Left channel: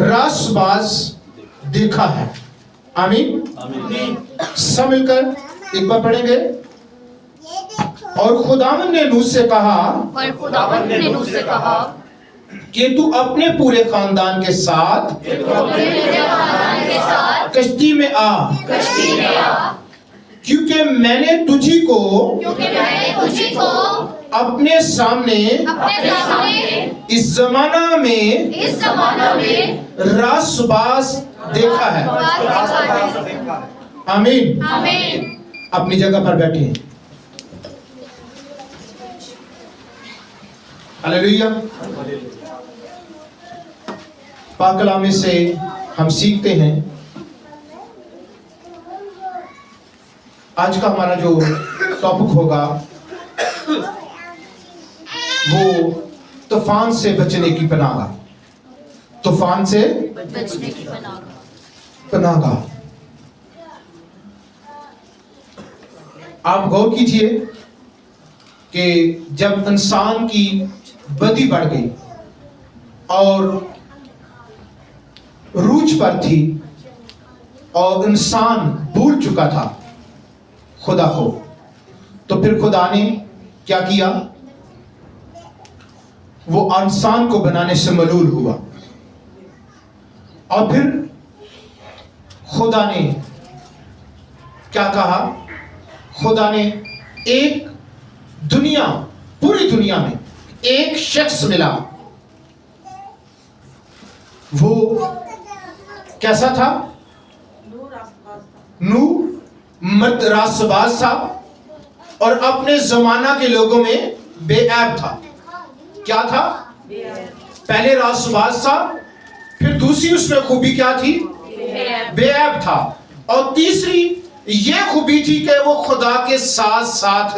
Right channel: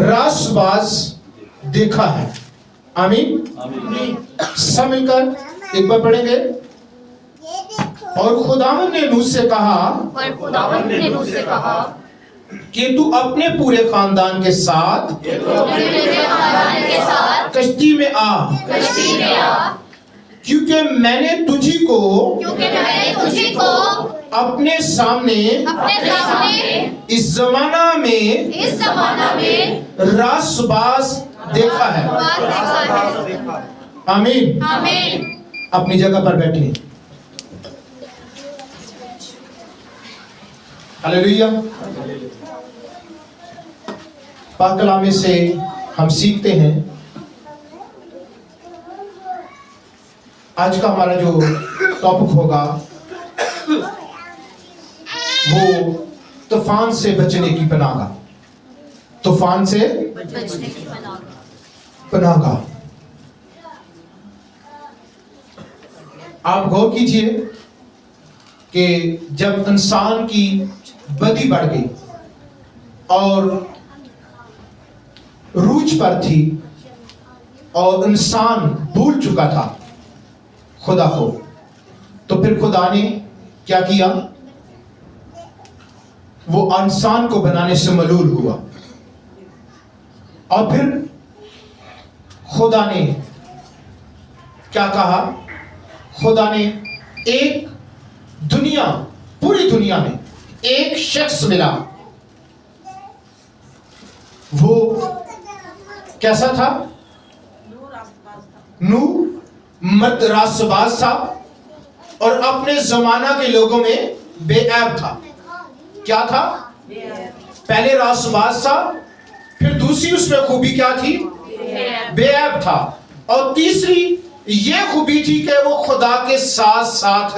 रासबाज देखा है। आमीन। सब मिलकर एक बार पढ़ेंगे। और खुदावंद ने नूह से कहा कि तू अपने पूरे खानदान के साथ कश्ती में आ, क्योंकि मैंने तुझी को अपने सामने इस जमाना में रासबाज देखा है। आमीन। अपनी जगह पर बैठिए। हालेलुया। पाक कलाम से हम सीखते हैं। आज का हमारा जो टॉपिक होगा वो तूफान से बचने की पनाह। तूफान से बचने की पनाह। आप गौर कीजिए कि जब इंसान की बदी बढ़ गई और रूज पर थी और इंसान भूल चुका था खुदा को, तो फिर खुदा ने क्या किया? वो इंसान को बनाने से मलूल हुआ और फिर खुदा ने क्या कहा? खुदा ने एक दुनिया, पूरी दुनिया में एक शख्स मिला। वो कैसा था? नूह मर्द रासबाज था और अपने जमाना के लोगों में बेऐब था। क्या था? पहले रासबाज था, फिर दूसरी उसमें खूबी क्या थी? बेऐब था। और तीसरी ये खूबी थी कि वो खुदा के साथ साथ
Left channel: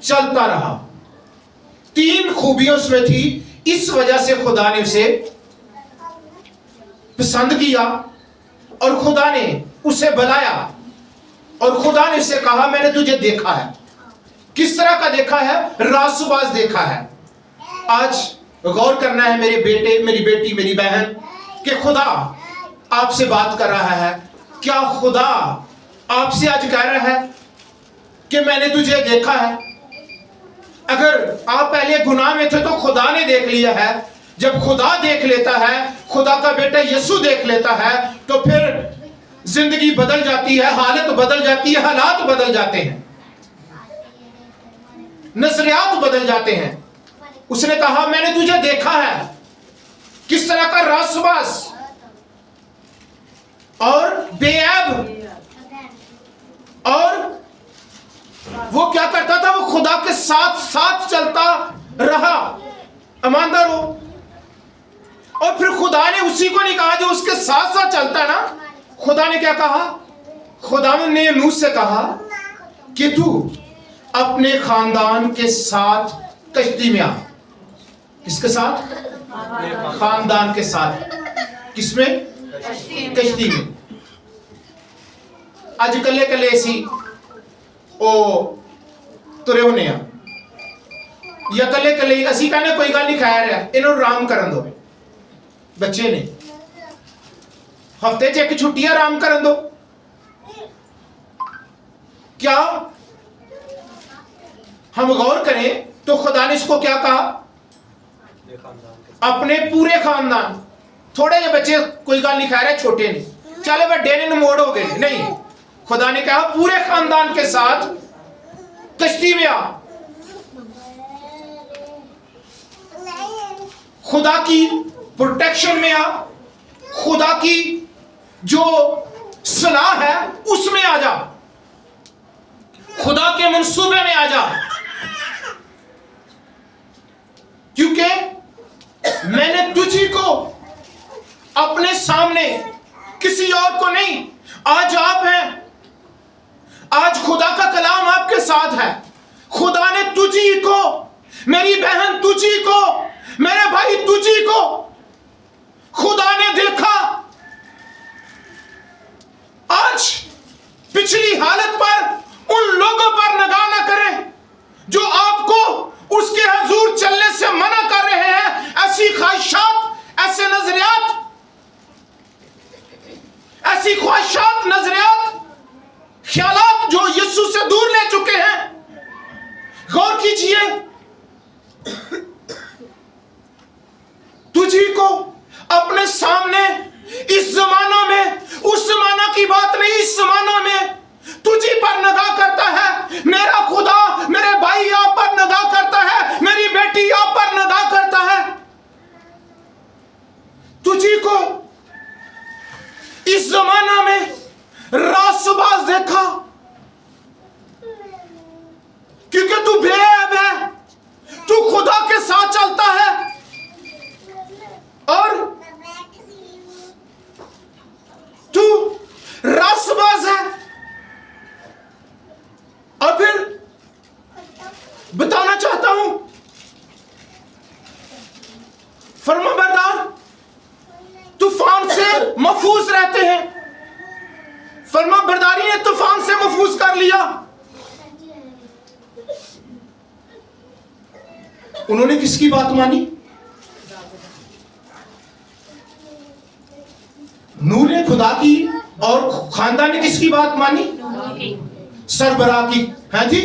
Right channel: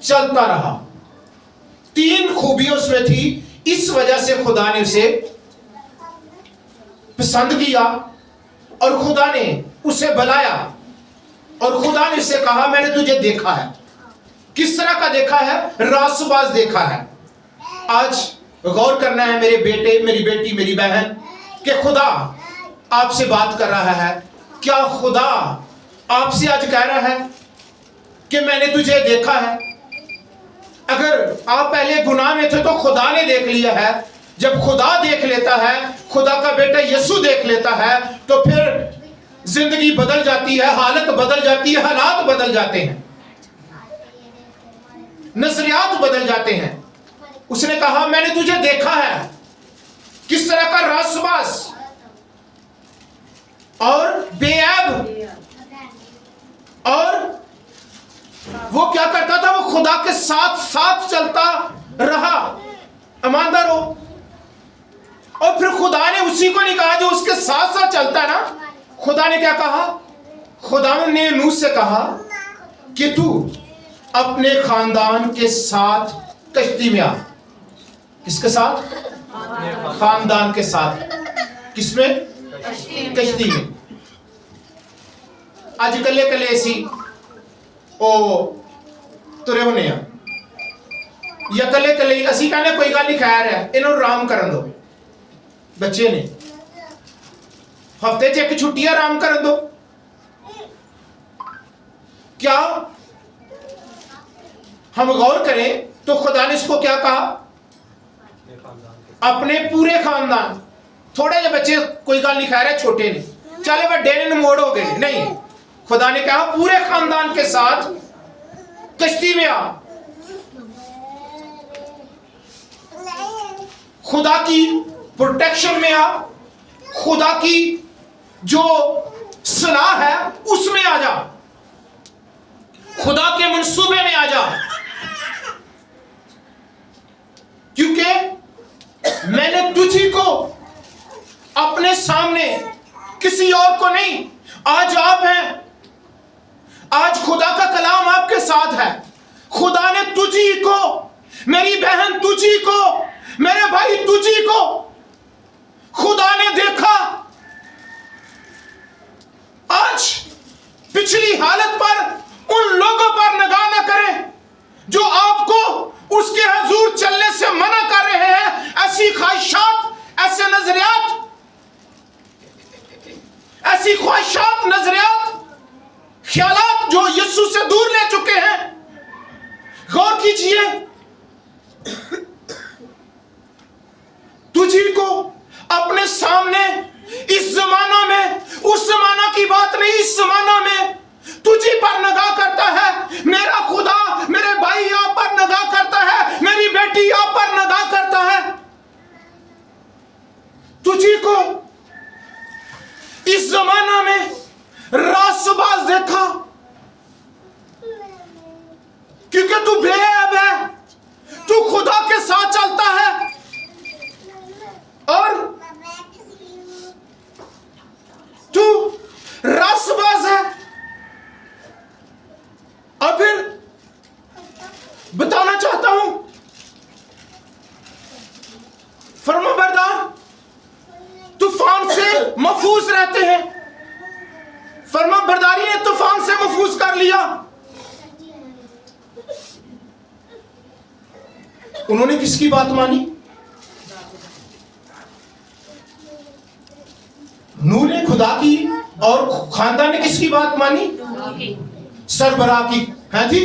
चलता रहा। तीन खूबियां उसमें थी। इस वजह से खुदा ने उसे पसंद किया और खुदा ने उसे बुलाया और खुदा ने उसे कहा मैंने तुझे देखा है। किस तरह का देखा है? रासबाज देखा है। आज गौर करना है मेरे बेटे, मेरी बेटी, मेरी बहन, कि खुदा आपसे बात कर रहा है। क्या खुदा आपसे आज कह रहा है कि मैंने तुझे देखा है? अगर आप पहले गुनाह में थे तो खुदा ने देख लिया है। जब खुदा देख लेता है, खुदा का बेटा यीशु देख लेता है, तो फिर जिंदगी बदल जाती है, हालत बदल जाती है, हालात बदल जाते हैं, नजरियात बदल जाते हैं। उसने कहा मैंने तुझे देखा है। किस तरह का? रासबाज और बेऐब। और वो क्या करता था? वो खुदा के साथ साथ चलता रहा। ईमानदार हो। और फिर खुदा ने उसी को नहीं कहा जो उसके साथ साथ चलता है ना। खुदा ने क्या कहा? खुदा ने नूह से कहा कि तू अपने खानदान के साथ कश्ती में आ। किसके साथ? खानदान के साथ। किसमें? कश्ती में। आज कले कले सी ओ तुरे होने या कले कले असी कहने कोई गल नहीं, खैर है इन्हों आराम करन दो। बच्चे ने हफ्ते च एक छुट्टी आराम करन दो। क्या हम गौर करें तो खुदा ने इसको क्या कहा? अपने पूरे खानदान। थोड़े जे बच्चे कोई गल नहीं, खैर है छोटे ने, चले बड़े ने, मोड़ हो गए। नहीं, खुदा ने कहा पूरे खानदान के साथ कश्ती में आ। खुदा की प्रोटेक्शन में आ, खुदा की जो सलाह है उसमें आ जा, खुदा के मंसूबे में आ जा। क्योंकि मैंने तुझी को अपने सामने, किसी और को नहीं। आज आप हैं, आज खुदा का कलाम आपके साथ है। खुदा ने तुझी को, मेरी बहन तुझी को, मेरे भाई तुझी को खुदा ने देखा। आज पिछली हालत पर उन लोगों पर निगाह न करें जो आपको उसके हजूर चलने से मना कर रहे हैं। ऐसी ख्वाहिशात, ऐसे नजरियात ऐसी ख्वाहिशात, नजरियात, ख्यालात जो यीशु से दूर ले चुके हैं। गौर कीजिए, तुझी को अपने सामने इस जमाना में, उस जमाना की बात नहीं, इस जमाना में तुझी पर निगाह करता है। मेरा खुदा मेरे भाई आप पर निगाह करता है, मेरी बेटी आप पर निगाह करता है। तुझी को इस जमाना में रासबाज देखा क्योंकि तू बेअब है, तू खुदा के साथ चलता है और तू रासबाज है। और फिर बताना चाहता हूं, फर्माबरदार तूफान से महफूज रहते हैं। फर्माबरदारी ने तूफान से महफूज कर लिया। उन्होंने किसकी बात मानी? नूह ने खुदा की, और खानदान ने किसकी बात मानी? सरबराह की। है जी,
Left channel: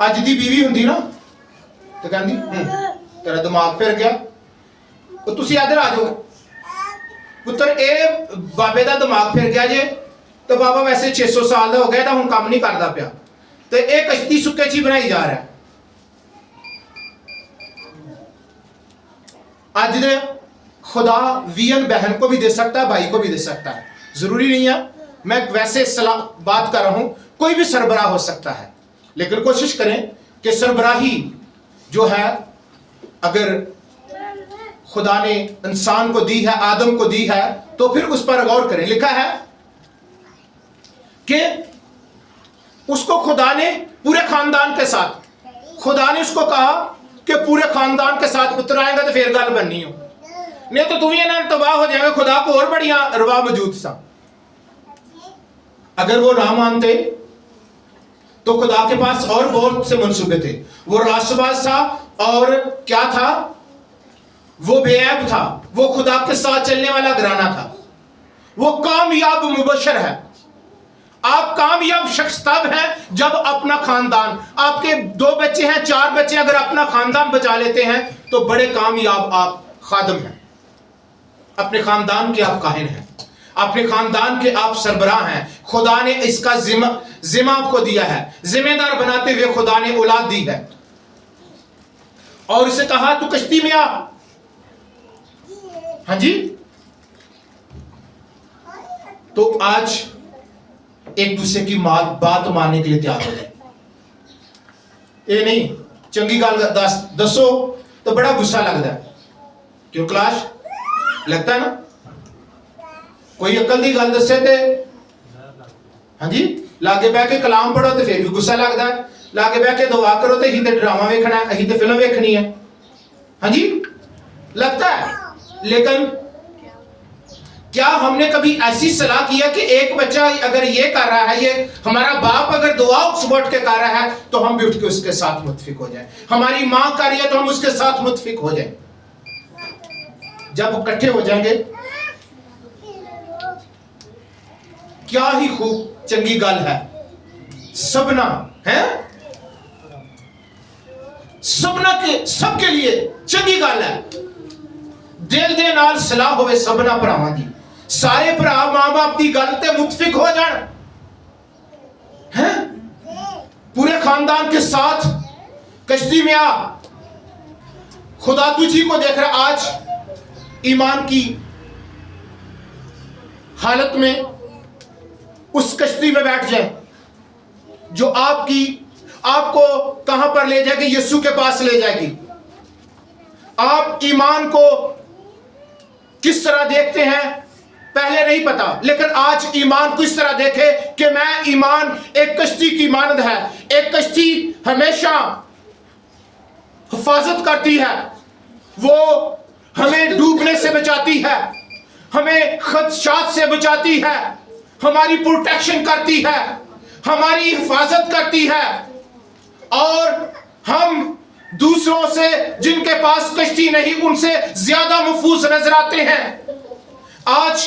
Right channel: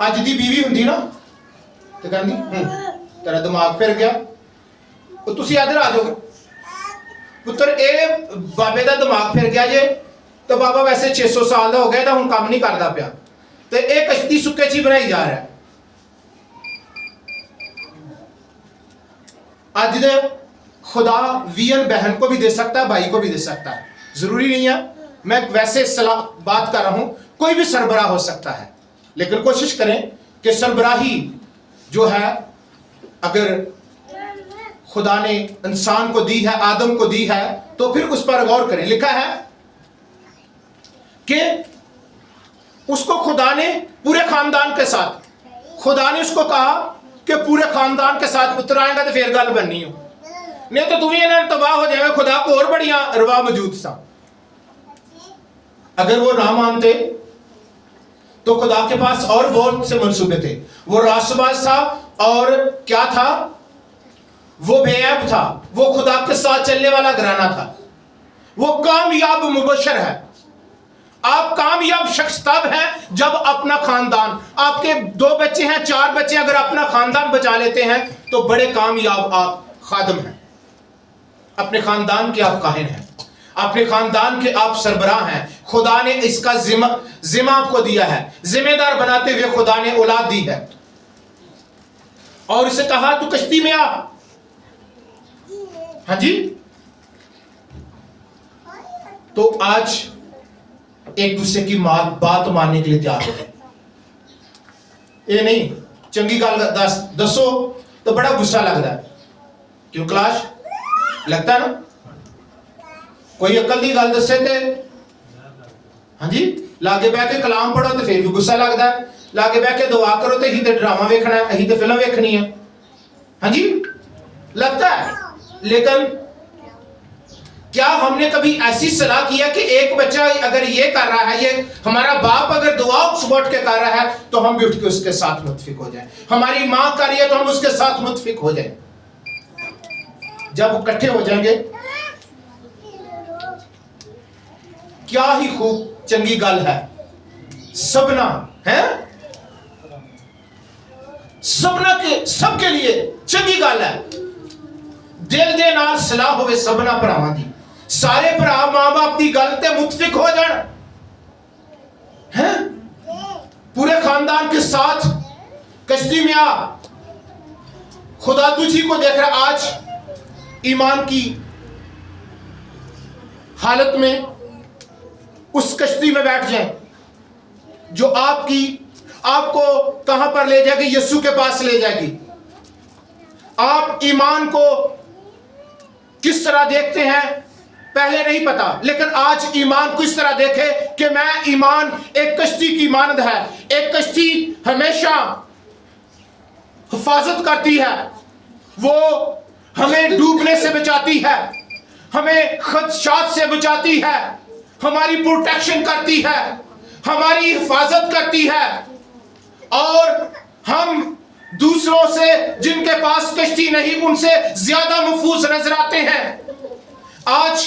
अज दी बीवी हुंदी ना तो कहंदी तेरा दिमाग फिर गया, तुसी इधर आ जाओ पुत्र, ए बाबे दा दिमाग फिर गया जे, तो बाबा वैसे 600 साल दा हो गया, हुण काम नहीं करदा पिया, तो एक कश्ती सुक्के ची बनाई जा रहा है। आज दे खुदा वीएन बहन को भी दे सकता है, भाई को भी दे सकता है, जरूरी नहीं है। मैं वैसे सलाह बात कर रहा हूं, कोई भी सरबराह हो सकता है, लेकिन कोशिश करें कि सरबराही जो है, अगर खुदा ने इंसान को दी है, आदम को दी है, तो फिर उस पर गौर करें। लिखा है कि उसको खुदा ने पूरे खानदान के साथ, खुदा ने उसको कहा कि पूरे खानदान के साथ पुत्र आएगा तो फिर गल बननी हो, नहीं तो तू ही इन्हें तबाह हो जाएगा। खुदा को और बढ़िया रवा मौजूद सा। अगर वो ना मानते तो खुदा के पास और बहुत से मंसूबे थे। वो रासबाज था और क्या था, वो बेऐब था, वो खुदा के साथ चलने वाला घराना था, वो कामयाब मुबशर है। आप कामयाब शख्स तब हैं जब अपना खानदान, आपके 2 बच्चे हैं, 4 बच्चे, अगर अपना खानदान बचा लेते हैं तो बड़े कामयाब आप खादम हैं। अपने खानदान के आप काहिन हैं, अपने खानदान के आप सरबराह हैं। खुदा ने इसका जिम्मा आपको दिया है, जिम्मेदार बनाते हुए खुदा ने औलाद दी है और इसे कहा तू कश्ती में आ। हाँ जी, तो आज एक दूसरे की बात मानने के लिए तैयार हो जाए। ये नहीं चंगी गल दसो तो बड़ा गुस्सा लगता है, क्यों क्लाश लगता है ना। कोई अकल की गल दसे ते हाँ जी, लागे बह के कलाम पढ़ो तो फिर भी गुस्सा लगता है, लागे बह के दुआ करो तो अही तो ड्रामा वेखना है, अही तो फिल्म वेखनी है। हाँ जी, लगता है। लेकिन क्या हमने कभी ऐसी सलाह किया कि एक बच्चा अगर ये कर रहा है, ये हमारा बाप अगर दुआ सुबह के कर रहा है तो हम भी उठ के उसके साथ मुत्फिक हो जाए, हमारी मां कर रही है तो हम उसके साथ मुत्फिक हो जाए। जब इकट्ठे हो जाएंगे क्या ही खूब चंगी गल है। सबना है, सबना के सबके लिए चंगी गल है। दिल दे नाल सलाह होवे सबना भरावां दी, सारे भरा मां बाप की गल ते मुत्फिक हो जान हैं, पूरे खानदान के साथ कश्ती में आ। खुदा तुझी को देख रहा। आज ईमान की हालत में उस कश्ती में बैठ जाए जो आपको कहां पर ले जाएगी? यीशु के पास ले जाएगी। आप ईमान को किस तरह देखते हैं पहले नहीं पता, लेकिन आज ईमान को इस तरह देखे कि मैं ईमान एक कश्ती की मानद है। एक कश्ती हमेशा हिफाजत करती है, वो हमें डूबने से बचाती है, हमें खदशात से बचाती है, हमारी प्रोटेक्शन करती है, हमारी हिफाजत करती है। और हम दूसरों से जिनके पास कश्ती नहीं उनसे ज्यादा महफूज नजर आते हैं। आज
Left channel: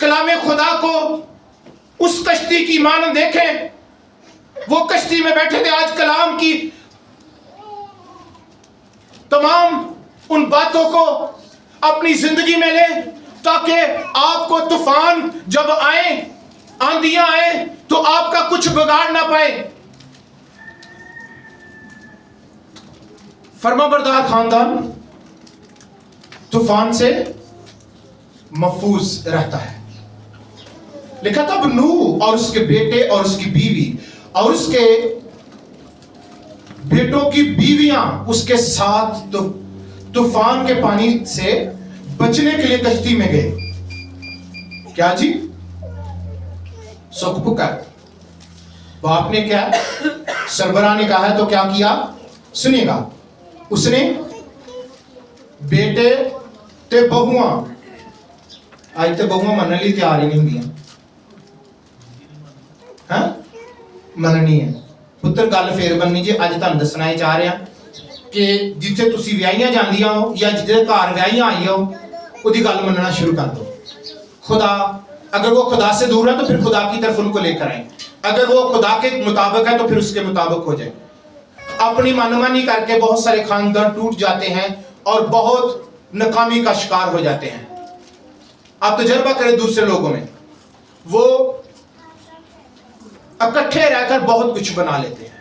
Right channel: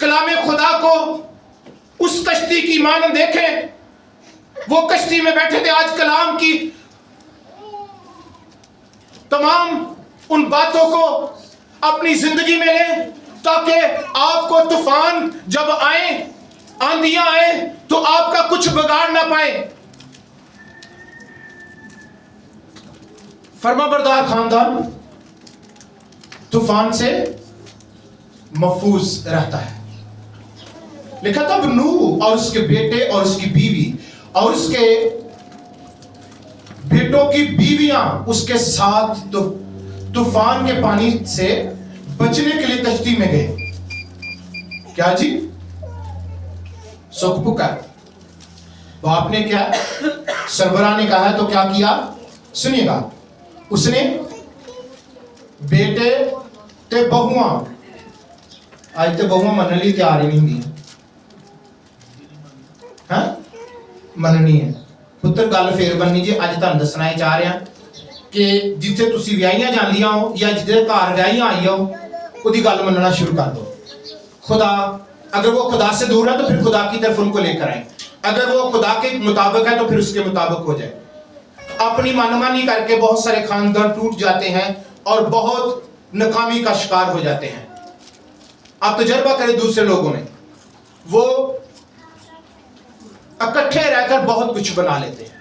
कलामे खुदा को उस कश्ती की मानन देखें, वो कश्ती में बैठे थे, आज कलाम की तमाम उन बातों को अपनी जिंदगी में लें, ताकि आपको तूफान जब आए, आंधियां आए, तो आपका कुछ बिगाड़ ना पाए। फरमाबरदार खानदान तूफान से महफूज रहता है। लिखा तब नूह और उसके बेटे और उसकी बीवी और उसके बेटों की बीवियां उसके साथ तो तूफान के पानी से बचने के लिए कश्ती में गए। क्या जी? सुख पुकार। बाप ने क्या, सरबराह ने कहा तो क्या किया? सुनिएगा, उसने बेटे ते बहुआ, आज तो बहुआ मनने लिए तैयार ही नहीं हुई, हाँ मननी है पुत्र। गल फिर बननी जी, अज तुहानू दसना चाह रहा कि जिथे तुसी विआहियां जांदियां हो या जिथे घर विआहियां आई हो, उसकी गल मनना शुरू कर दो। खुदा, अगर वो खुदा से दूर है तो फिर खुदा की तरफ उनको लेकर आए, अगर वो खुदा के मुताबिक है तो फिर उसके मुताबिक हो जाए। अपनी मनमानी करके बहुत सारे खानदान टूट जाते हैं और बहुत नाकामी का शिकार हो जाते हैं। आप तजर्बा करें दूसरे लोगों में, वो इकट्ठे रहकर बहुत कुछ बना लेते हैं।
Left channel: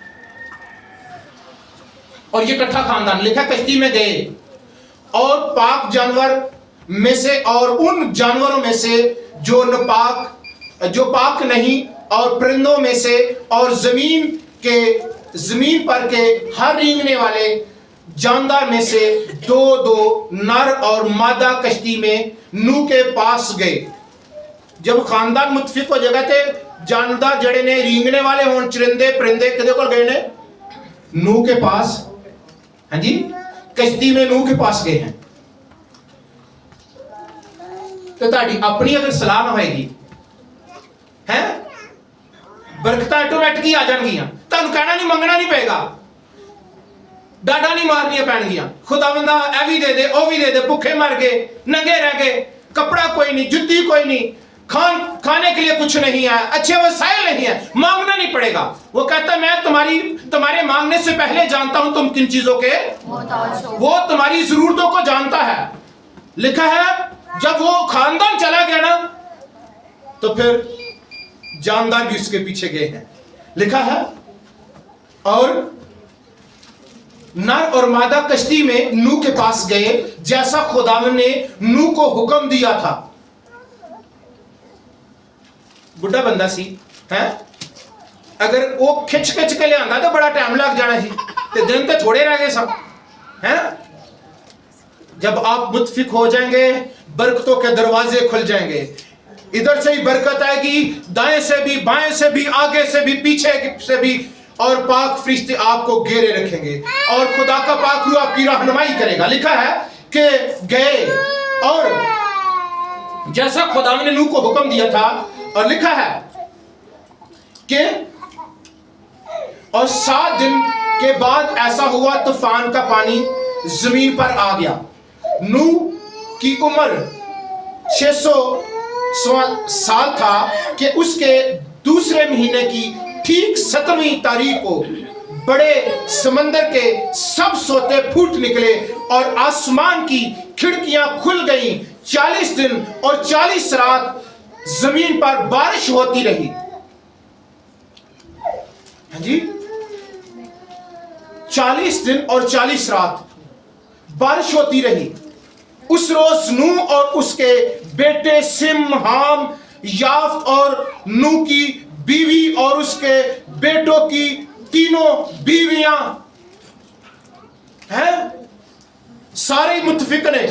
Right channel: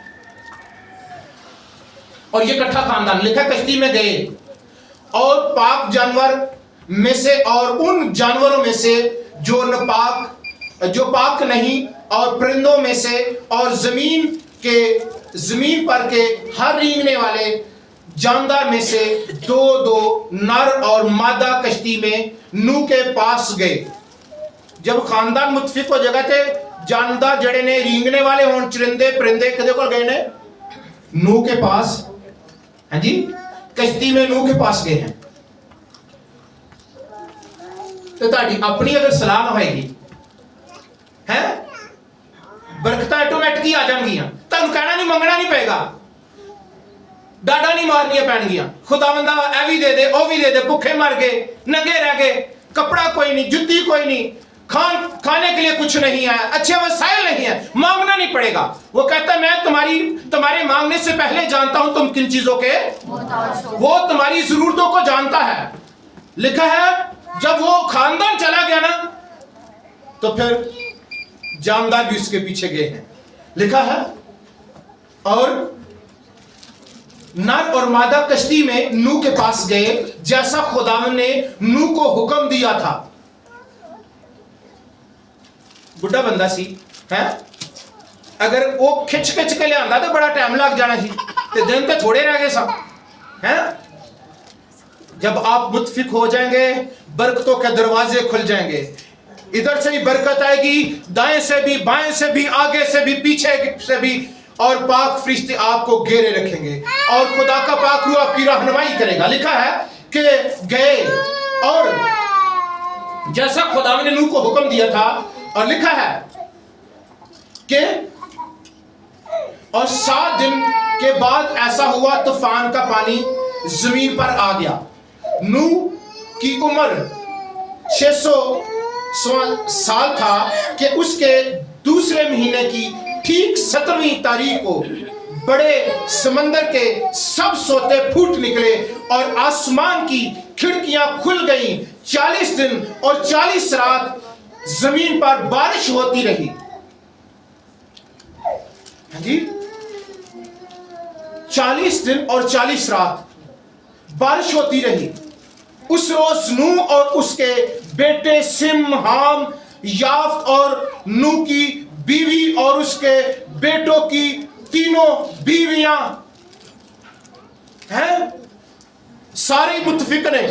और ये इकट्ठा खानदान, लिखा कश्ती में गए और पाक जानवर में से और उन जानवरों में से जो नापाक, जो पाक नहीं, और परिंदों में से और जमीन पर के हर रेंगने वाले जानदार में से दो दो नर और मादा कश्ती में नूह के पास गए। जब खानदान मुतफिक हो जाएगा थे, जानदार जड़े ने रेंगने वाले हों, चरिंदे परिंदे किदे कोल गए ने? नूह के पास। हाँ जी, कश्ती में नूह के पास गए हैं। तो ताड़ी अपनी अगर सलाह ना होएगी है, बरकतां ऑटोमैटिक ही आ जाएंगियां। तुहानू कहना नहीं, मंगना नहीं पेगा, डाडा नहीं मारनियां पैणगियां। खुदावंदा ए भी दे दे, ओ भी दे दे, भुखे मर गए, नंगे रह गए, कपड़ा कोई नहीं, जुत्ती कोई नहीं, खाने के लिए कुछ नहीं है, अच्छे वसाइल नहीं है, मांगना नहीं पड़ेगा। वो कहता है मैं तुम्हारे मांगने से पहले जानता हूं तुम किन चीजों के, वो तुम्हारी जरूरतों को जानता है। लिखा है जब वो खानदान चला गया ना, तो फिर जानदार भी उसके पीछे गए हैं। लिखा है और नर और मादा कश्ती में नूह के पास गए, जैसा खुदावन ने नूह को हुक्म दिया था। बुढ़ा बंदा सी है, अगर वो खिच के ले आंदा तो बड़ा टाइम लग जाना सी, ते दिन तो थोड़े रह गए सब हैं। जब आप मुतफिक हो जाएंगे, बरकतों के दरवाजे खुल जाएंगे। इधर से ही बरकत आएगी, दाएं से भी, बाएं से भी, आगे से भी, पीछे से भी, और पाक फरिश्ते आपको घेरे रखेंगे और खुदा का पाक रूह आपकी रहनुमाई करेगा। लिखा है कि गए और जैसा खुदा ने नूह को हुक्म दिया था, और लिखा है कि और 7 दिन के बाद ऐसा हुआ, तूफान का पानी जमीन पर आ गया। नूह की उम्र 600 साल था कि उसके दूसरे महीने की ठीक 17वीं तारीख को बड़े समंदर के सब सोते फूट निकले और आसमान की खिड़कियां खुल गईं। 40 दिन और 40 रात जमीन पर बारिश होती रही। हाँ जी, 40 दिन और 40 रात बारिश होती रही। उस रोज नूह और उसके बेटे सिम, हाम, याफ्त और नूह की बीवी और उसके बेटों की तीनों बीवियां हैं, सारे मुत्तफिक ने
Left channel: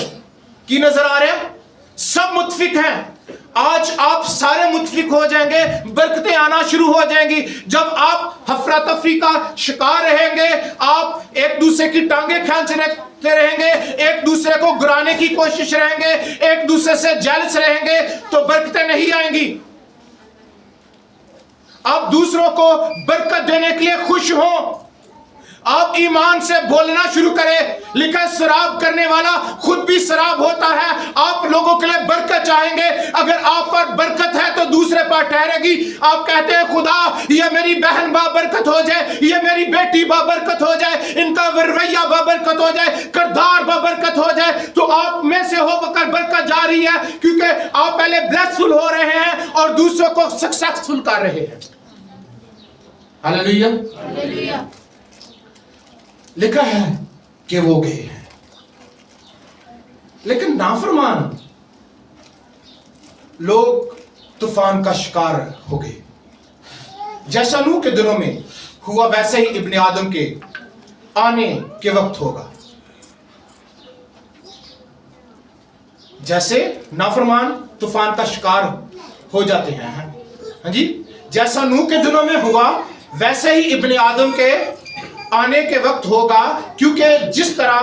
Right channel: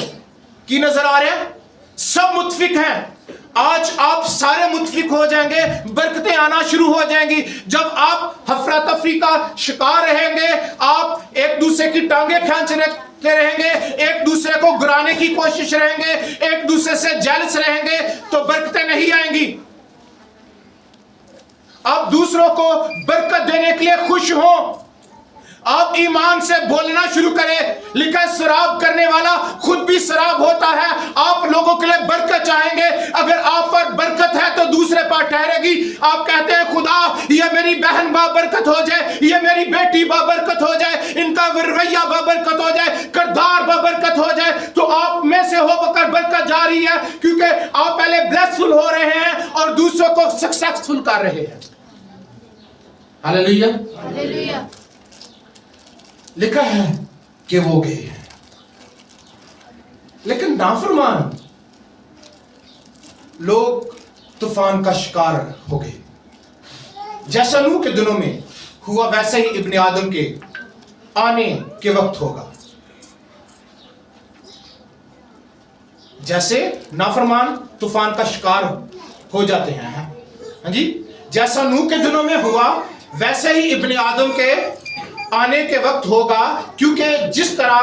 की नजर आ रहे हैं, सब मुत्तफिक हैं। आज आप सारे मुत्तफिक हो जाएंगे, बरकतें आना शुरू हो जाएंगी। जब आप हफरा तफरी का शिकार रहेंगे, आप एक दूसरे की टांगे खींचने रहेंगे, एक दूसरे को गिराने की कोशिश रहेंगे, एक दूसरे से जेलस रहेंगे, तो बरकतें नहीं आएंगी। आप दूसरों को बरकत देने के लिए खुश हो, आप ईमान से बोलना शुरू करें। लिखा है शराब करने वाला खुद भी शराब होता है। आप लोगों के लिए बरकत चाहेंगे, अगर आप पर बरकत है तो दूसरे पर ठहरेगी। आप कहते हैं खुदा ये मेरी बहन बाबरकत हो जाए, ये मेरी बेटी बाबरकत हो जाए, इनका रवैया बाबरकत हो जाए, किरदार बाबरकत हो जाए, तो आप में से होकर बरकत जा रही है, क्योंकि आप पहले ब्लेसफुल हो रहे हैं और दूसरों को सक्सेसफुल कर रहे हैं। Hallelujah, hallelujah. लिखा है कि वो गए हैं, लेकिन नाफरमान लोग तूफान का शिकार हो गए। जैसा नूह के दिनों में हुआ वैसे ही इब्ने आदम के आने के वक्त होगा। जैसे नाफरमान तूफान का शिकार हो जाते हैं, हाँ जी, जैसा नूह के दिनों में हुआ वैसे ही इब्ने आदम के आने के वक्त होगा। क्योंकि जिस तरह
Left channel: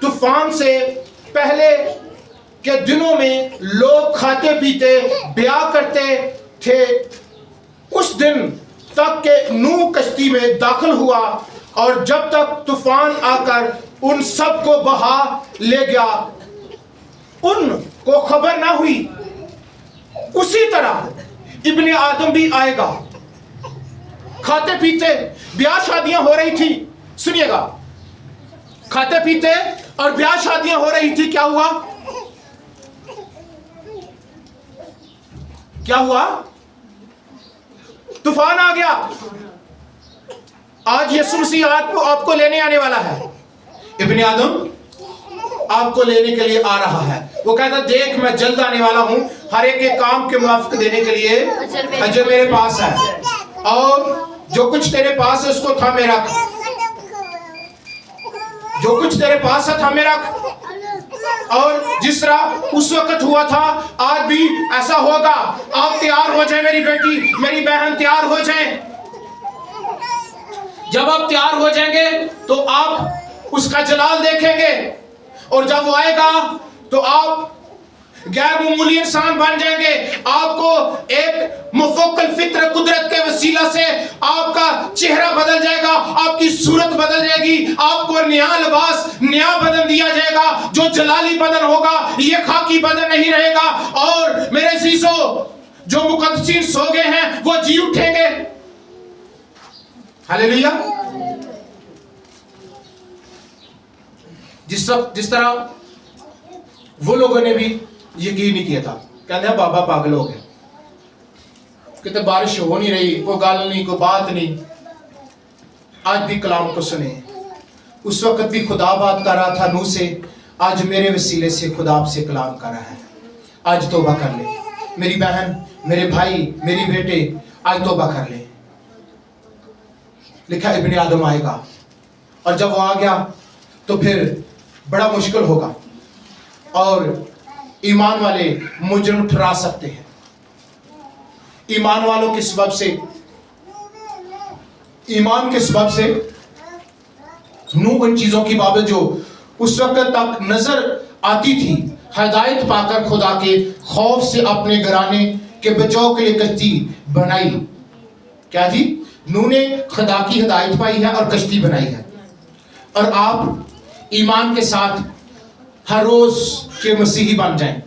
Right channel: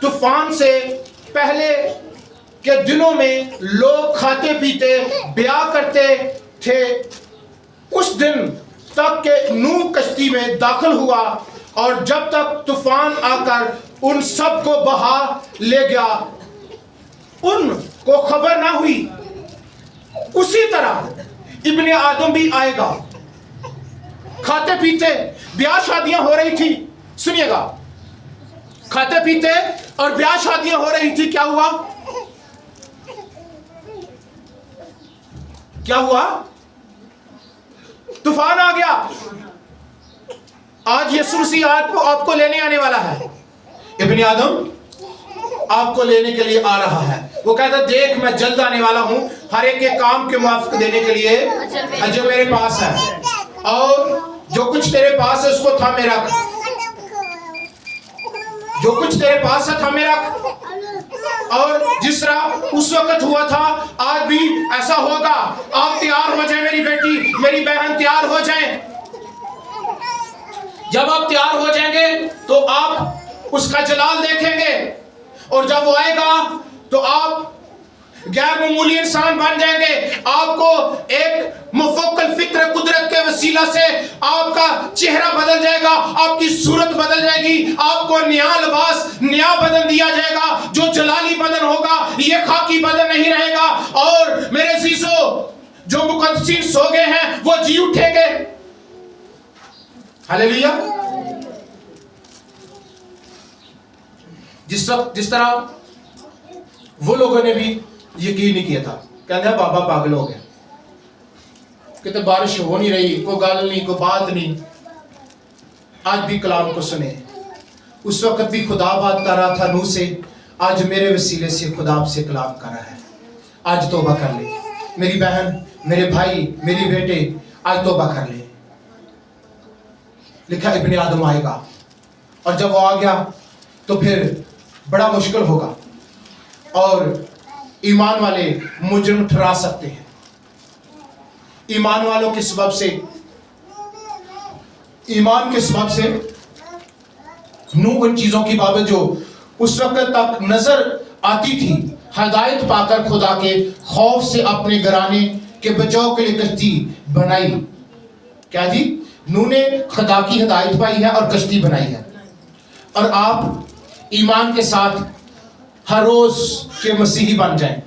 तूफान से पहले के दिनों में लोग खाते पीते ब्याह करते थे, उस दिन तक के नूह कश्ती में दाखिल हुआ और जब तक तूफान आकर उन सब को बहा ले गया, उनको खबर ना हुई, उसी तरह इब्ने आदम भी आएगा। खाते पीते ब्याह शादियां हो रही थी, सुनिएगा, खाते पीते और ब्याह शादियां हो रही थी। क्या हुआ? क्या हुआ? तूफान आ गया। आज यीशु मसीह आपको लेने आने वाला है। इब्ने आदम आपको लेने के लिए आ रहा है। वो कहता देख मैं जल्द आने वाला हूं, हर एक के काम के मुआफिक देने के लिए अजर मेरे पास है, और जो कुछ तेरे पास है उसको थामे रख, जो कुछ तेरे पास है थामे रख। और जिस तरह उस वक्त हुआ था आज भी ऐसा होगा। आप तैयार हो जाए मेरी बेटी, मेरी बहन तैयार हो जाए। जब आप तैयार हो जाएंगे तो आप उसका जलाल देखेंगे, और जब वो आएगा तो आप गैर मामूली इंसान बन जाएंगे। आपको एक मुफक्कल फित्र कुदरत के वसीला से आपका चेहरा बदल जाएगा, आपकी सूरत बदल जाएगी, आपको नया लिबास, नया बदन दिया जाएगा, जो जलाली बदन होगा, ये खाकी बदन नहीं रहेगा। और मेरे अज़ीज़ों, जो मुक़द्दसीन सो गए हैं वो जी उठेंगे। हालेलुया। जिस तरह वो लोगों ने भी यकीन नहीं किया था, कहते हैं बाबा पागल हो गया, कहते बारिश हो नहीं रही, कोई गाल नहीं, कोई बात नहीं। आज भी कलाम को सुने। उस वक्त भी खुदा बात कर रहा था नूह से, आज मेरे वसीले से खुदा आपसे कलाम कर रहा है। आज तौबा कर ले मेरी बहन, मेरे भाई, मेरी बेटे, आज तौबा कर ले। लिखा इब्ने आदम आएगा, और जब वो आ गया तो फिर बड़ा मुश्किल होगा, और ईमान वाले मुजरिम ठहरा सकते हैं। ईमान वालों के सबब से, ईमान के सबब से नूह उन चीजों की बाबत जो उस वक्त तक नजर आती थी, हिदायत पाकर खुदा के खौफ से अपने घराने के बचाव के लिए कश्ती बनाई। क्या थी? नूह ने खुदा की हिदायत पाई है और कश्ती बनाई है। और आप ईमान के साथ हर रोज के मसीही बन जाएं।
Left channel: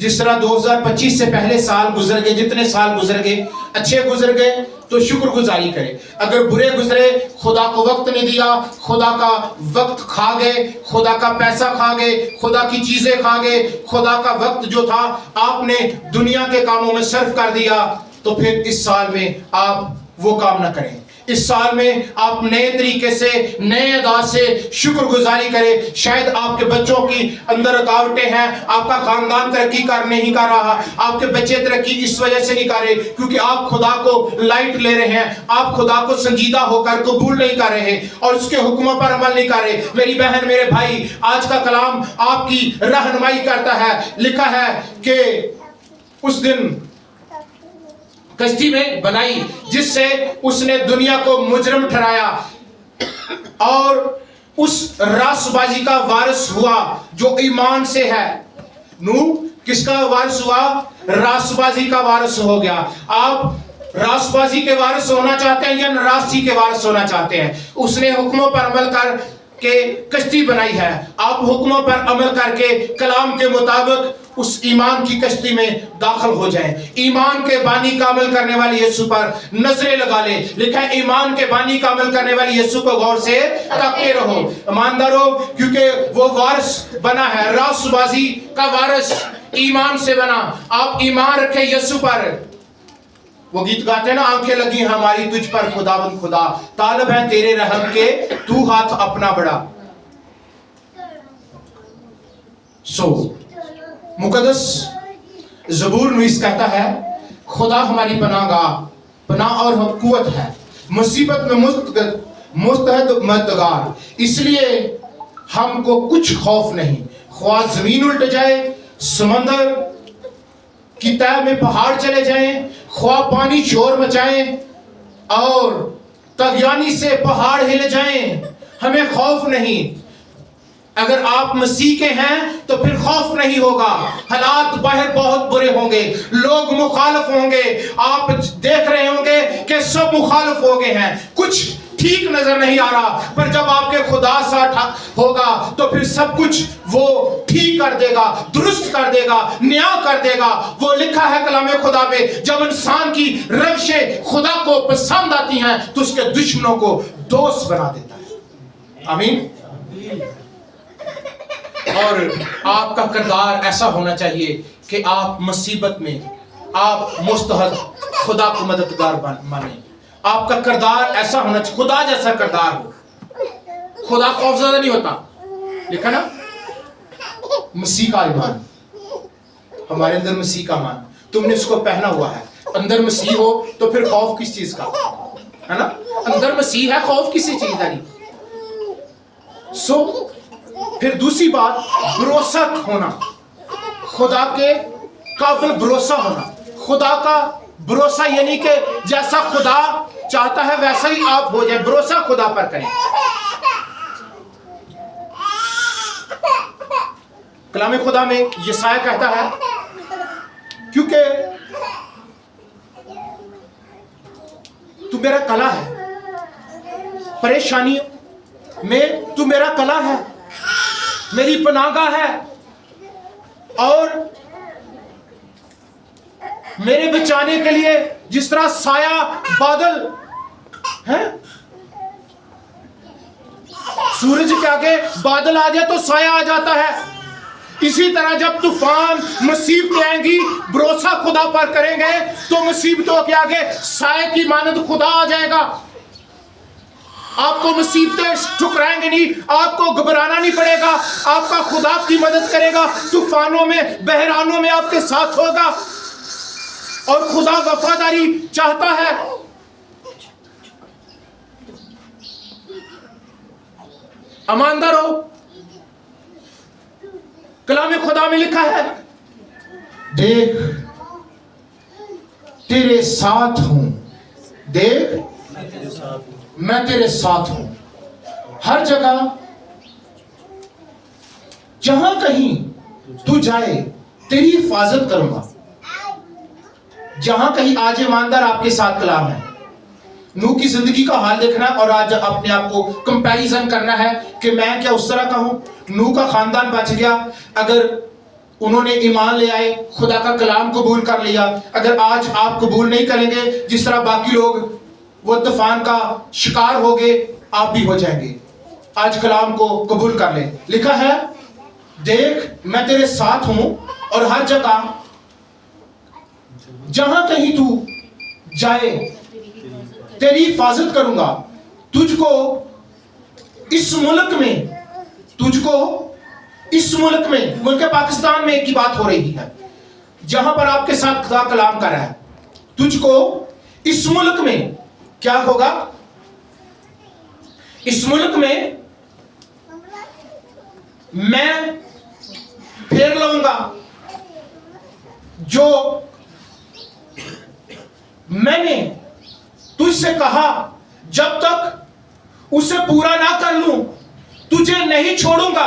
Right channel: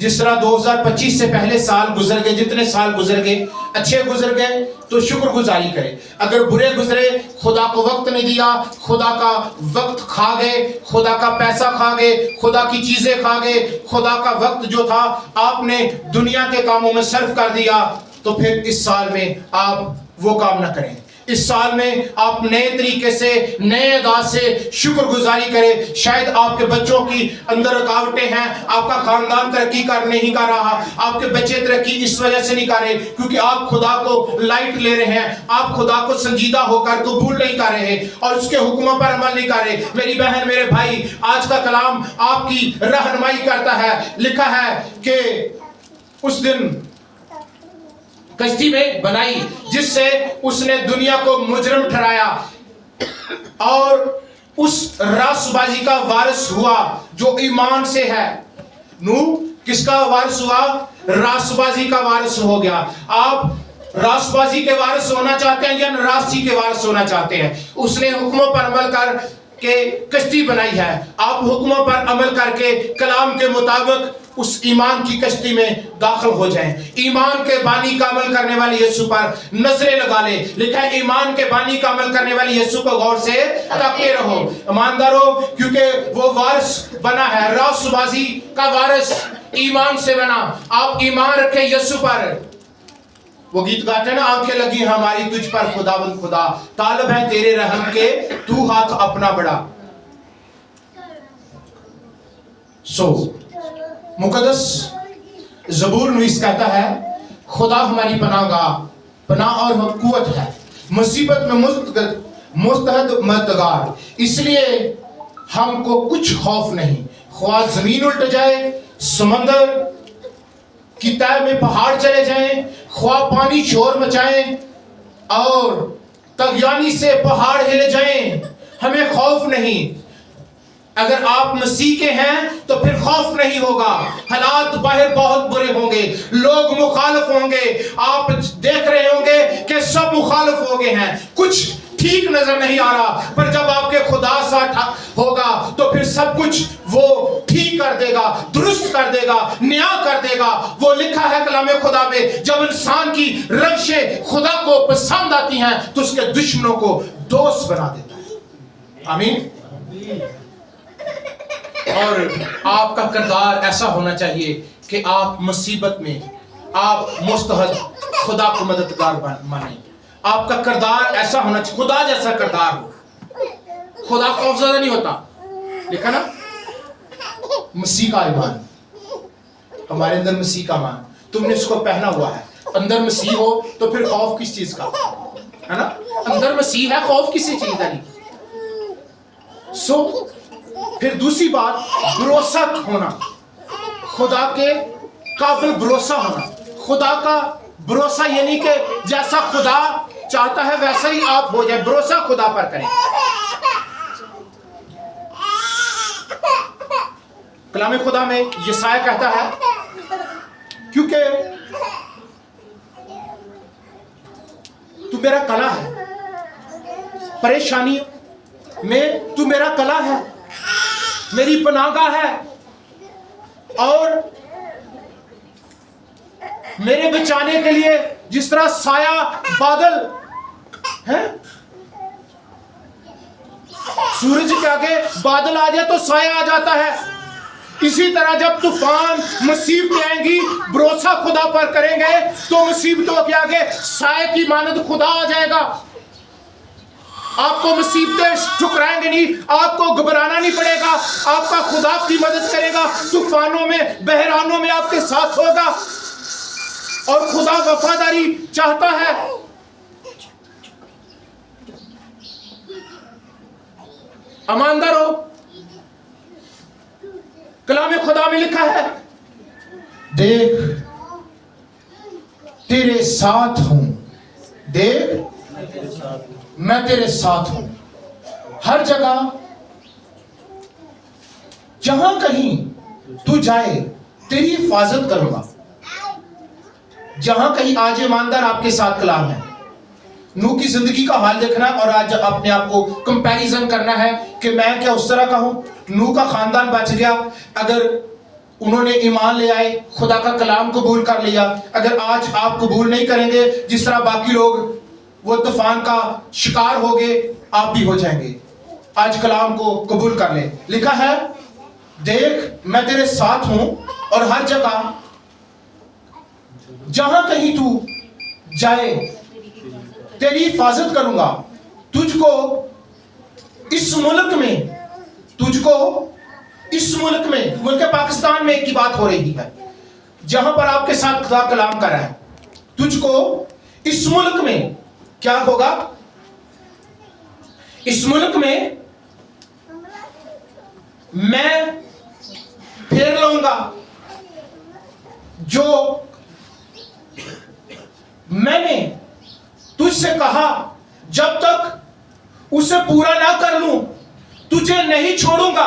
जिस तरह 2025 से पहले साल गुजर गए, जितने साल गुजर गए, अच्छे गुजर गए तो शुक्रगुजारी करें। अगर बुरे गुजरे, खुदा को वक्त नहीं दिया, खुदा का वक्त खा गए, खुदा का पैसा खा गए, खुदा की चीजें खा गए, खुदा का वक्त जो था आपने दुनिया के कामों में सर्फ कर दिया, तो फिर इस साल में आप वो काम ना करें। इस साल में आप नए तरीके से, नए अंदाज से शुक्रगुजारी करें। शायद आपके बच्चों की अंदर रुकावटें हैं, आपका खानदान तरक्की कर नहीं कर रहा, आपके बच्चे तरक्की इस वजह से नहीं कर रहे क्योंकि आप खुदा को लाइट ले रहे हैं, आप खुदा को संजीदा होकर कबूल नहीं कर रहे और उसके हुक्मों पर अमल नहीं कर रहे। मेरी बहन, मेरे भाई, आज का कलाम आपकी रहनुमाई करता है। लिखा है कि उस दिन कश्ती में बनाई जिससे उसने दुनिया को मुजरिम ठहराया और उस रासबाजी का वारिस हुआ जो ईमान से है। नूह किसका वारिस हुआ? रासबाजी का वारिस हो गया। आप रासबाजी के वारिस होना चाहते हैं या नाराजगी के वारिस होना चाहते हैं? उसने हुक्मों पर अमल कर के कश्ती बनाई है। आप हुक्मों पर अमल करके कलाम के मुताबिक उस ईमान की कश्ती में दाखिल हो जाएं। ईमान के बानी का अमल करने वाले यीशु पर नजरें लगा ले। लिखा है ईमान के बानी का अमल करने वाले यीशु को गौर से ताकते रहो, ईमानदार हो, क्योंकि वो वारिस बना है। रासबाजी का वारिस ईमान से बना। आप ईमान रखें यीशु पर। वो गीत गाते हैं ना, आंखें लगी हमारी तुझ पर खुदावंद खुदा, तालब है तेरे रहम के, तू हाथ अपना बढ़ा। मुकद्दस ज़बूर नवीस कहता है, खुदा हमारी पनाह और कुव्वत है, मुसीबत में मुस्तहद मददगार, इसलिए हमको कुछ खौफ नहीं। ख्वाह जमीन उल्ट जाए, समंदर की तह में पहाड़ चले जाएं, ख्वाह पानी शोर मचाएं और तगयानी से पहाड़ हिले जाएं, हमें खौफ नहीं। अगर आप मसीह के हैं तो फिर खौफ नहीं होगा। हालात बाहर बहुत बुरे होंगे, लोग मुखालिफ होंगे, आप देख रहे होंगे कि सब मुखालिफ हो गए हैं, कुछ ठीक नजर नहीं आ रहा, पर जब आपके खुदा साथ होगा तो फिर सब कुछ वो ठीक कर देगा, दुरुस्त कर देगा, न्याय कर देगा। वो लिखा है कलामे खुदा में, जब इंसान की रविशें खुदा को पसंद आती हैं तो उसके दुश्मनों को दोस्त बना देता है। आमीन। और आपका किरदार ऐसा होना चाहिए कि आप मुसीबत में आप मुस्तहद खुदा को मददगार माने। आपका किरदार ऐसा होना चाहिए, खुदा जैसा किरदार हो। खुदा खौफज़दा नहीं होता। देखा ना, मसीह का ईमान, हमारे अंदर मसीह का मान, तुमने इसको पहना हुआ है। अंदर मसीह हो तो फिर खौफ किस चीज का है ना? अंदर मसीह है, खौफ किसी चीज का नहीं। फिर दूसरी बात, भरोसा होना, खुदा के काबिल भरोसा होना। खुदा का भरोसा यानी कि जैसा खुदा चाहता है वैसा ही आप हो जाए, भरोसा खुदा पर करें। कलाम खुदा में यशाया कहता है, क्योंकि तू मेरा कला है, परेशानियों में तू मेरा कला है, मेरी पनाहगाह है, और मेरे बचाने के लिए जिस तरह साया बादल है, सूरज के आगे बादल आ जाए तो साया आ जाता है, इसी तरह जब तूफान मुसीबतें आएंगी, भरोसा खुदा पर करेंगे तो मुसीबतों के आगे साए की मानद खुदा आ जाएगा। आपको मुसीबतें ठुकराएंगे नहीं, आपको घबराना नहीं पड़ेगा, आपका खुदा आपकी मदद करेगा, तूफानों में बहरानों में आपके साथ होगा। और खुदा वफादारी चाहता है। ईमानदार हो। कलाम खुदा में लिखा है, देख तेरे साथ हूं, देख मैं तेरे साथ हूं, हर जगह जहां कहीं तू जाए तेरी हिफाजत करूंगा। जहां कहीं आज ईमानदार आपके साथ कलाम है। नूह की जिंदगी का हाल देखना है और आज अपने आप को कंपैरिजन करना है कि मैं क्या उस तरह का हूं। नूह का खानदान बच गया अगर उन्होंने ईमान ले आए, खुदा का कलाम कबूल कर लिया। अगर आज आप कबूल नहीं करेंगे, जिस तरह बाकी लोग वो तूफान का शिकार हो गए, आप भी हो जाएंगे। आज कलाम को कबूल कर ले। लिखा है, देख मैं तेरे साथ हूं और हर जगह जहां कहीं तू जाए तेरी हिफाजत करूंगा। तुझको इस मुल्क में मुल्क पाकिस्तान में की बात हो रही है, जहां पर आपके साथ खुदा कलाम कर रहा है। तुझको इस मुल्क में क्या होगा? इस मुल्क में मैं फेर लाऊंगा। जो मैंने तुझसे कहा, जब तक उसे पूरा ना कर लूं तुझे नहीं छोड़ूंगा।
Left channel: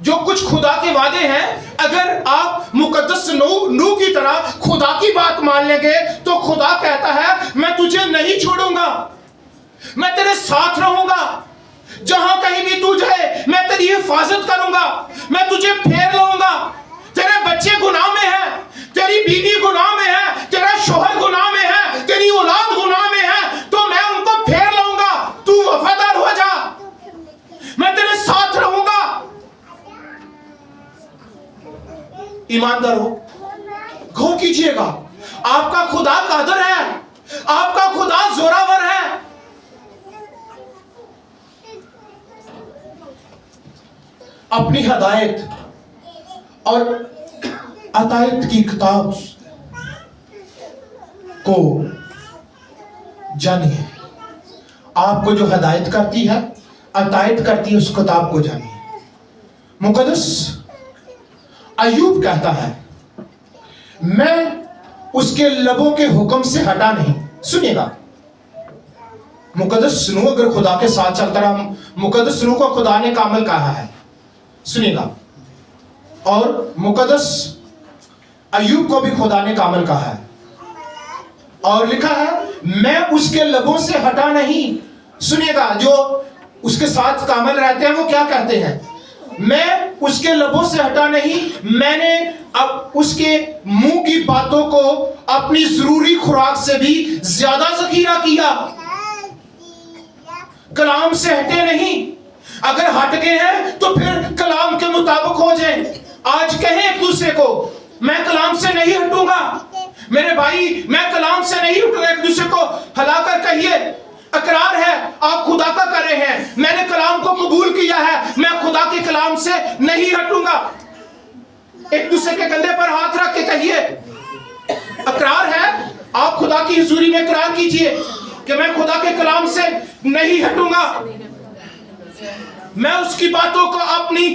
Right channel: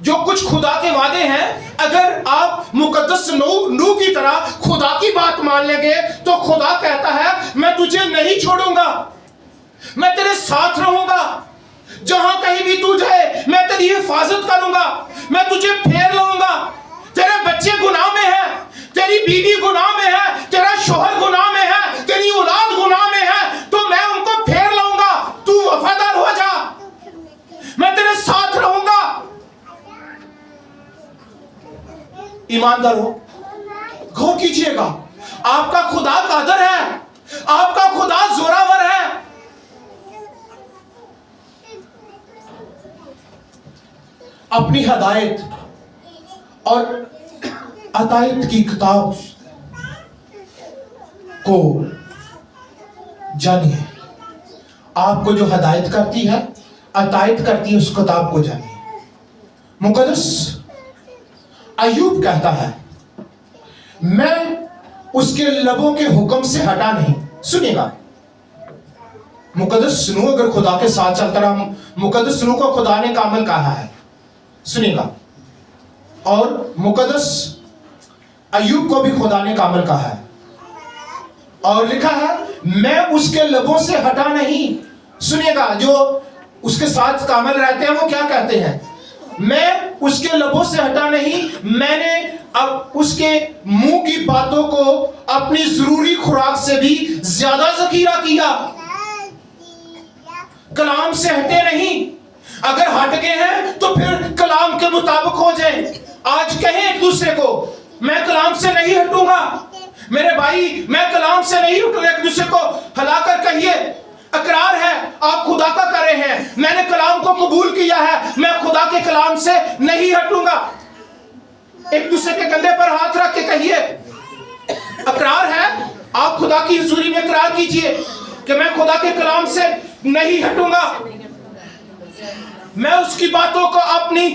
जो कुछ खुदा के वादे हैं, अगर आप मुकद्दस नूह की तरह खुदा की बात मान लेंगे तो खुदा कहता है मैं तुझे नहीं छोड़ूंगा, मैं तेरे साथ रहूंगा, जहां कहीं भी तू जाए मैं तेरी हिफाजत करूंगा, मैं तुझे फेर लाऊंगा। तेरे बच्चे गुनाह में है, तेरी बीवी गुनाह में है, तेरा शोहर गुनाह में है, तेरी औलाद गुनाह में है, तो मैं उनको फेर लाऊंगा। तू वफादार हो जा, मैं तेरे साथ रहूंगा। ईमानदार हो, गौर कीजिएगा, आपका खुदा कादर है, आपका खुदा जोरावर है। अपनी हदायत और अतायत की किताब को जानिए। आपको जो हदायत करती है, अतायत करती है, उस किताब को जानिए। मुकद्दस अय्यूब कहता है मैं उसके लबों के हुक्म से हटा नहीं। सुनिएगा, मुकद्दस नूह अगर खुदा के साथ चलता रहा, मुकद्दस नूह को खुदा ने कामिल कहा है। सुनिएगा, और मुकद्दस अय्यूब को भी खुदा ने कामिल कहा है, और लिखा है मैं उसके लबों से हटा नहीं। सुनिएगा, जो उसके साथ कामिल रहते हैं वो क्या कहते हैं, मैं उसके लबों से हटा नहीं, मैंने अब उसके मुंह की बातों को अपनी जरूरी खुराक से भी ज्यादा जखीरा किया। कलाम से हटे नहीं, अगर हट गए हैं तो फिर कलाम के मुताबिक हो जाए। आज कहें एक दूसरे को मैं कलाम से नहीं हटूंगा, मेरे भाई मैं कलाम से नहीं हटूंगा। एक दूसरे को हिलाकर कहिए, अकरार है आप खुदा का कर रहे हैं, मैंने कलाम को कबूल किया है, मैं खुदा के कलाम से नहीं हटूंगा। एक दूसरे के कंधे पर हाथ रख के कहिए, अकरार है आप खुदा की हुजूरी में इकरार कीजिए कि मैं खुदा के कलाम से नहीं हटूंगा, मैं उसकी बातों को अपनी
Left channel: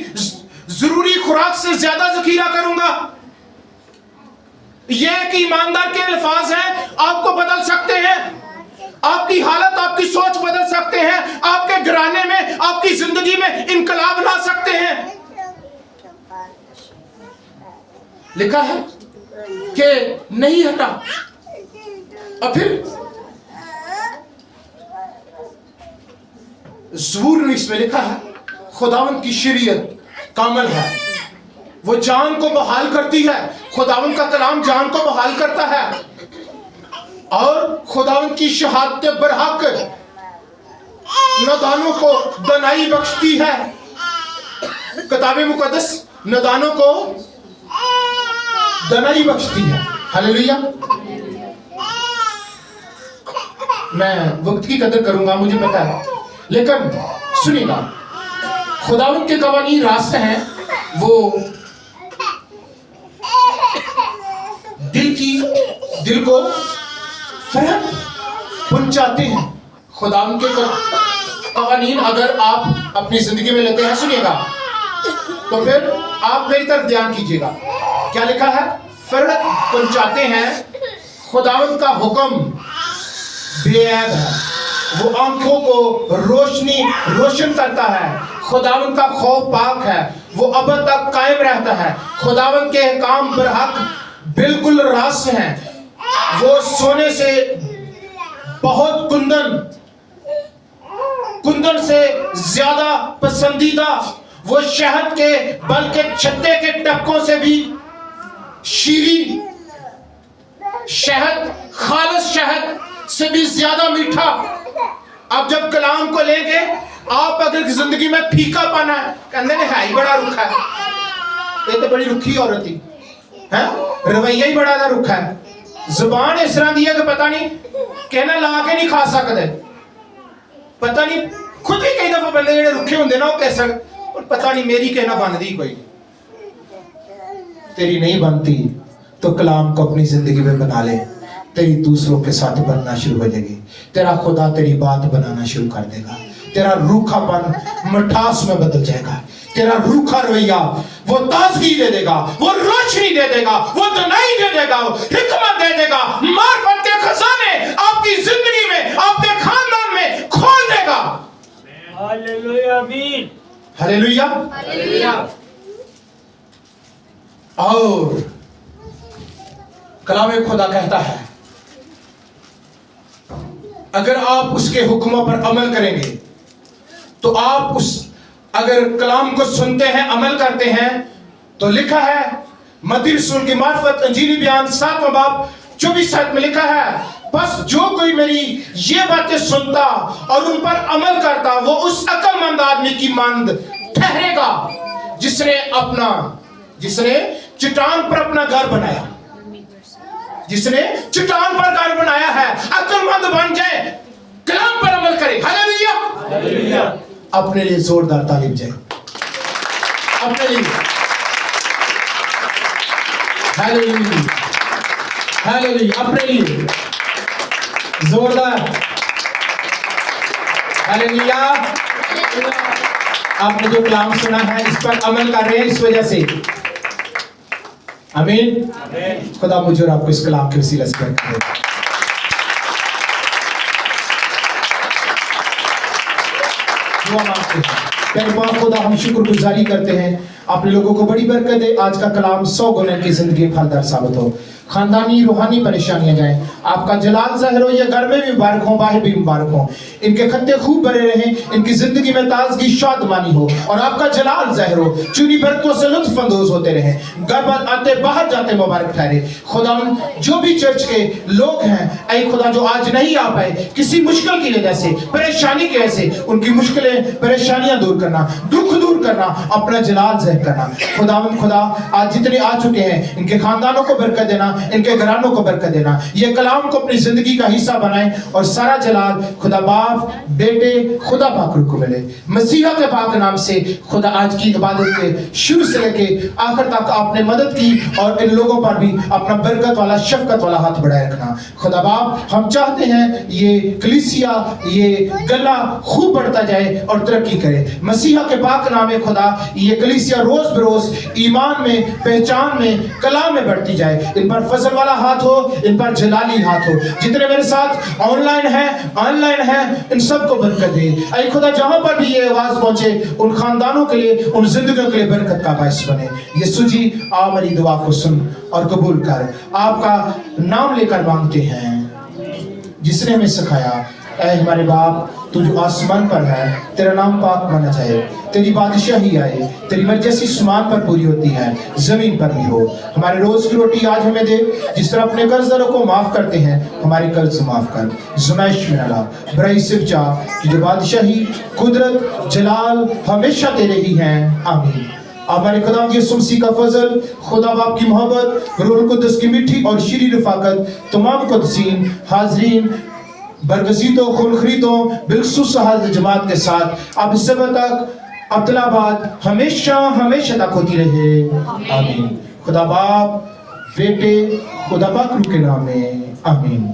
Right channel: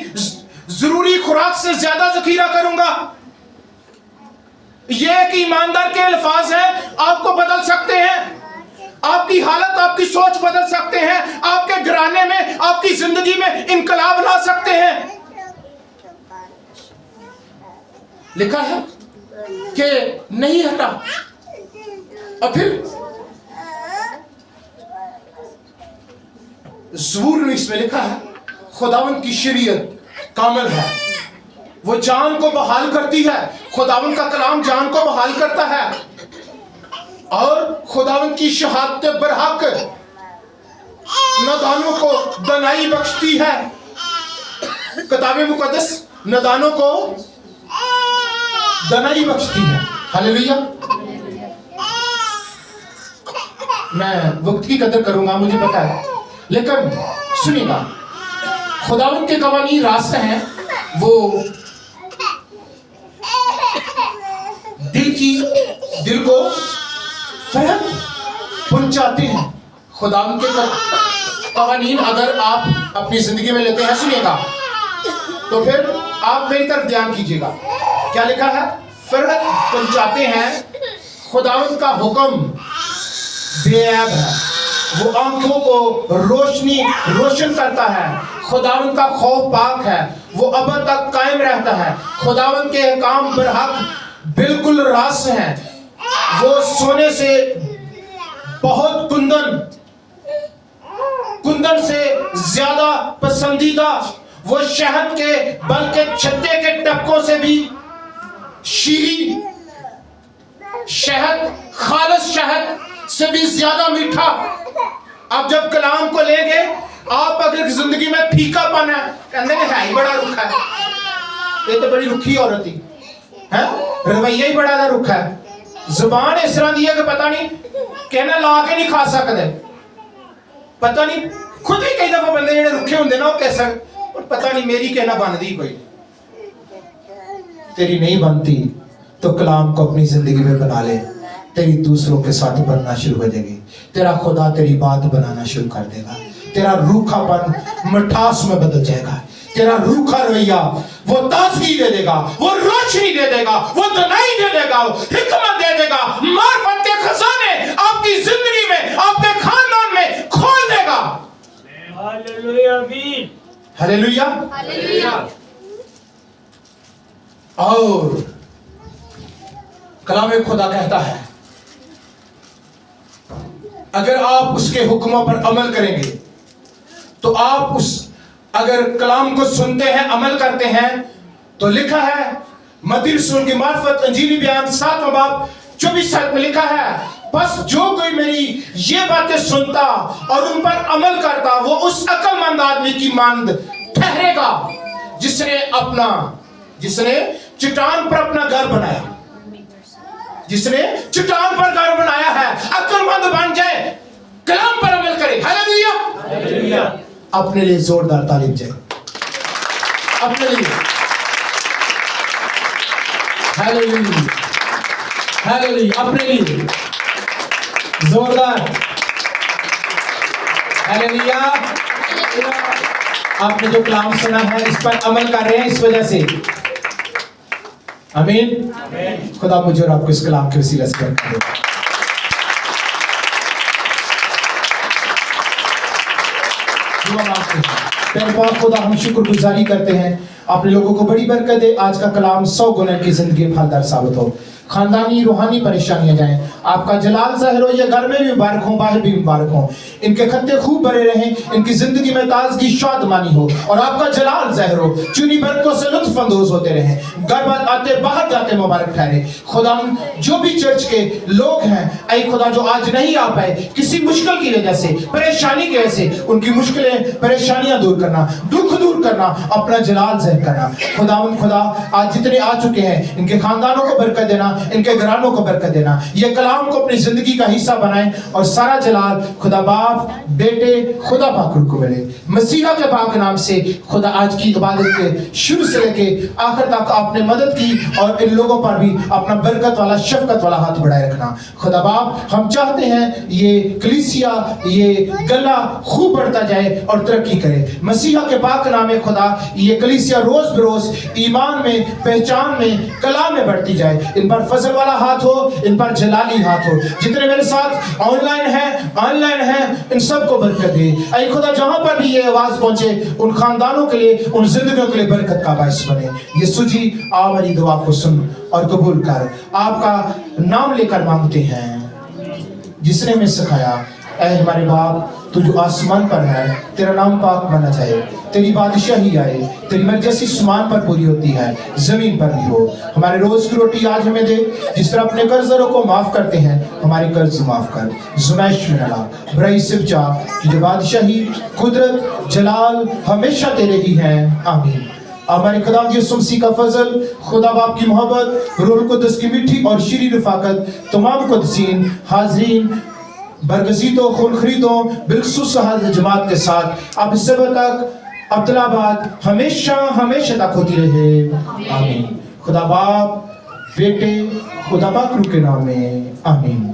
जरूरी खुराक से ज्यादा जखीरा करूंगा। ये एक ईमानदार के अल्फाज हैं, आपको बदल सकते हैं, आपकी हालत आपकी सोच बदल सकते हैं, आपके घराने में आपकी जिंदगी में इनकलाब ला सकते हैं। लिखा है कि नहीं हटा, और फिर ज़बूर 19 में लिखा है खुदावंद की शरीयत कामिल है, वो जान को बहाल करती है। खुदावंद का कलाम जान को बहाल करता है, और खुदावंद की शहादत बरहक नादानों को दनाई बख्शती है। किताबे मुकद्दस नादानों को दनाई बख्शती है। हालेलुया। मैं वक्त की कदर करूंगा, मुझे पता है, लेकिन सुनिएगा, खुदावंद के कवानीन रास्ते हैं, वो दिल को फर्क पहुंचाते हैं। खुदावंद के कवानीन अगर आप अपनी जिंदगी में लेते हैं, सुनिएगा, तो फिर आप मेरी तरफ ध्यान कीजिएगा। क्या लिखा है, फर्क पहुंचाते हैं। खुदावंद का हुक्म बेऐब है, वो आंखों को रोशन करता है। खुदावंद का खौफ पाक है, वो अब तक कायम रहता है। खुदावंद के काम बरहक बिल्कुल रास हैं, वो सोने से बहुत कुंदन से ज्यादा पसंदीदा, वो शहद के बल्कि छत्ते के टपकों से भी शीरी, शहद खालिस शहद से भी ज्यादा मीठा। अब जब कलाम को लेंगे, आप अगर जिंदगी में फीका पाना है, कहते है ही बड़ा रुखा है, ये तो बड़ी रुखी औरत थी है, रवैया ही बड़ा रुखा है, जुबान इस तरह दी है कि पता नहीं कहना ला के नहीं खा सकते। पता नहीं खुद भी कई दफा बंदे जेडे रुखे होंगे ना, वो कैसा पता नहीं मेरी कहना बनती कोई, तेरी नहीं बनती तो कलाम को अपनी जिंदगी में बना ले, तेरी दूसरों के साथ बनना शुरू हो जाएगी। तेरा खुदा तेरी बात बनाना शुरू कर देगा, तेरा रूखापन मिठास में बदल जाएगा, तेरा रूखा रवैया वो ताजगी दे देगा, वो रोशनी दे देगा, वो दनाई दे देगा, वो हिकमत दे देगा, मार्फत के खजाने आपकी जिंदगी में, आपके खानदान में खोल देगा। हालेलुया, आमीन, हालेलुया। और कलाम खुदा कहता है अगर आप उसके हुक्मों पर अमल करेंगे तो आप अगर कलाम को सुनते हैं, अमल करते हैं, तो लिखा है मत्ती रसूल की मार्फत अंजीली बयान 7वां बाब 24 आयत में लिखा है, बस जो कोई मेरी ये बातें सुनता और उन पर अमल करता वो उस अक्लमंद आदमी की मानद ठहरेगा जिसने चट्टान पर अपना घर बनाया, जिसने चट्टान पर घर बनाया है। अक्लमंद बन जाए, कलाम पर अमल करे। हालेलुया। अपने लिए जोरदार तालीम जाए, अपने लिए। हालेलुया, हालेलुया, अपने लिए जोरदार हालेलुया। आपने जो कलाम सुना है इस पर अमल कर रहे हैं इस वजह से। आमीन। खुदा मुझे और आपको इस कलाम के वसीले से बरकत दे। दुआ मांगते हैं। प्यारे बाप खुदा, हम शुक्रगुजारी करते हैं, आपने लोगों को बड़ी बरकत दे। आज का कलाम 100 गुना की जिंदगी में फलदार साबित हो, खानदानी रूहानी परेशानियां जाएं, आपका जलाल ज़ाहिर हो। ये घर में भी मुबारक हो, बाहर भी मुबारक हो, इनके खत्ते खूब भरे रहें, इनकी जिंदगी में ताजगी शादमानी हो और आपका जलाल ज़ाहिर हो। चुनी बरकतों से लुत्फ अंदोज होते रहें, घर आते बाहर जाते मुबारक ठहरे। खुदा जो भी चर्च के लोग हैं, ऐ खुदा जो आज नहीं आ पाए किसी मुश्किल की वजह से, परेशानी की वजह से, उनकी मुश्किलें परेशानियां दूर करना, दुख दूर करना, अपना जलाल ज़ाहिर करना। खुदा आज जितने आ चुके हैं इनके खानदानों को बरकत देना, इनके घरानों को बरकत देना, ये कलाम को अपनी जिंदगी का हिस्सा बनाएं और सारा जलाल खुदा बाप बेटे खुदा पाक को मिले मसीहा के पाक नाम से। खुदा आज की इबादत के शुरू से लेके आखिर तक आपने मदद की और इन लोगों पर भी अपना बरकत वाला शफकत वाला हाथ बढ़ाए रखना। खुदा बाप हम चाहते हैं ये कलीसिया, ये गला खूब बढ़ता जाए और तरक्की करे मसीहा के पाक नाम में। खुदा ये कलीसिया रोज बरोज ईमान में, पहचान में, कलाम में बढ़ती जाए। इन पर फजल वाला हाथ हो, इन पर जलाली हाथ हो। जितने मेरे साथ ऑनलाइन है इन सबको बरकत दे। ऐ खुदा जहां पर भी ये आवाज पहुंचे उन खानदानों के लिए, उन जिंदगियों के लिए बरकत का बायस बने। यीशु जी आ हमारी दुआ को सुन और कबूल कर। आपका नाम लेकर मांगते हैं जिसने हमें सिखाया। ऐ हमारे बाप तू जो आसमान पर है, तेरा नाम पाक माना जाए, तेरी बादशाही आए, तेरी मर्जी जैसी आसमान पर पूरी होती है जमीन पर भी हो। हमारे रोज की रोटी आज हमें दे, जिस तरह अपने कर्जदारों को माफ करते हैं हमारे कर्ज माफ कर। ज़ुमैश में ना बराई सिर्फ जा, जो बादशाही, कुदरत, जलाल हमेशा तेरे ही हैं। आमीन। हमारे खुदा यीशु मसीह का फजल, खुदा बाप की मोहब्बत, रूह कुद्दस की मीठी और शीरी रफाकत तमाम कुद्दीन हाजरीन बरगज़ीदों, खुलखरीदों, बिलखुसूस हाज़िर जमात के साथ अब इससे तक अब्दुल्लाबाद हमेशा तक होती रहे। आमीन। खुदा बाप बेटे खुदा पाक के नाम में आमीन।